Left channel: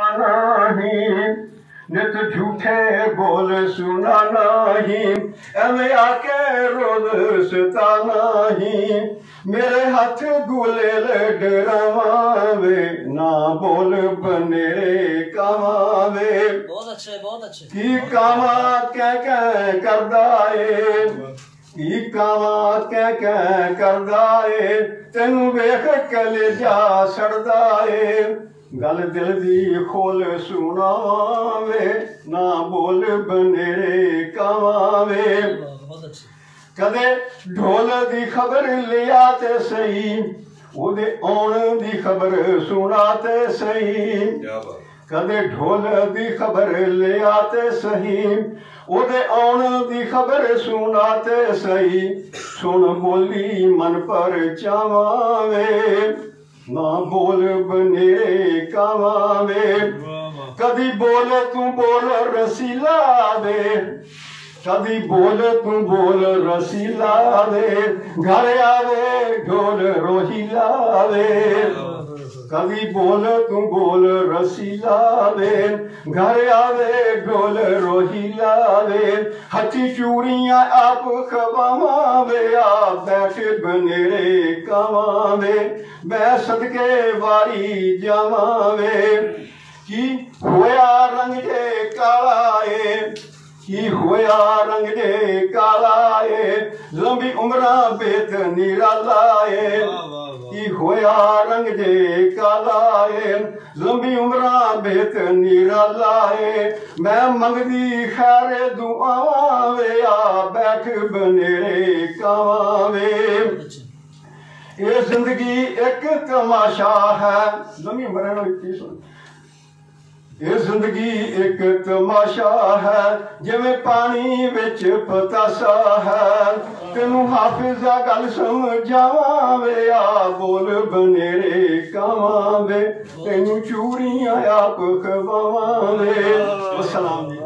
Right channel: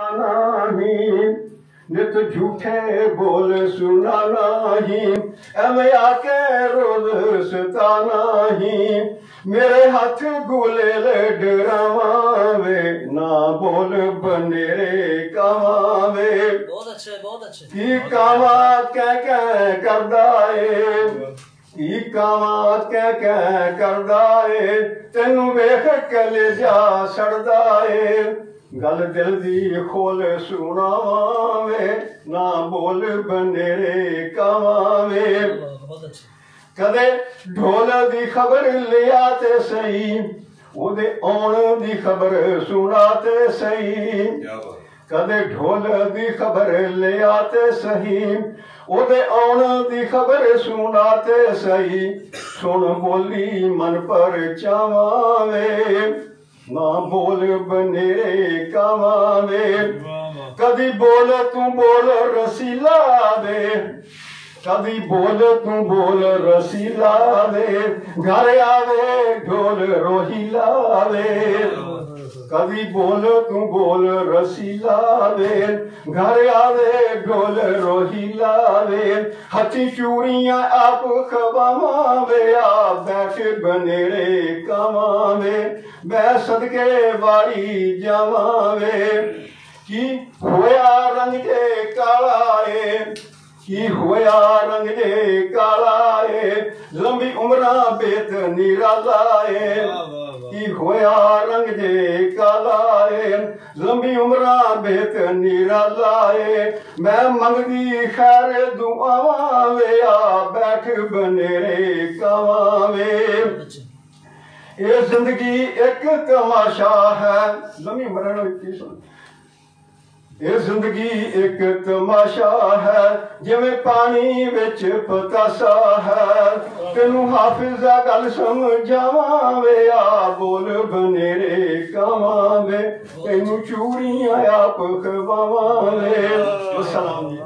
नहीं नित झूठे बोल सुना नहीं, एवं आके रोज सता नहीं। मेरे हाथ गुलेल डरावे, ना बोल बनेरे कावे। बहुत अच्छा है, बहुत अच्छा। की कावा कह करदा है, की कावा कह करदा है। तेनू वेख कलेजा सड़दा है, गल दिल दी खोल सुनावे, ना बोल बनेरे कावे। कदे ढोल दी खबर लिया ते सही, ओदे आउण दी खबर सुना ते सही। कदे ढोल दी खबर लिया ते सही, ओदे आउण दी खबर सुना ते सही। सुन बोली मन पर चावावे, ना बोल बनेरे कावावे। कदी बोल तू बोल रसीला वे, कदी बोल तू बोल रसीला वे। घर आवे ढोल रोहिला वे, कदी बोल तू बोल रसीला वे। घर आवे ढोल रोहिला वे। हथी चूड़ियां आप खवावे, आ बैठ बनेरे कावावे। मैं सदके वारी जावावे, की होया रंग जे काला ए, की होया रंग जे काला ए। लंबी उम्रा बेत निराला ए, की होया रंग जे काला ए। लंबी उम्रा बेत निराला ए। मैं मंगदी खैर दुआवां वे, आ बैठ बनेरे कावावे। ये जिंदगी एक तमाशा है, लंबी उम्र ये जिंदगी एक तमाशा है, जिवें पानी विच पतासा है। तेनू हाफिजा गल समझावां वे, आ बोल बनेरे कावां वे। तेनू चूड़ियां आप खवावां वे। सलाम।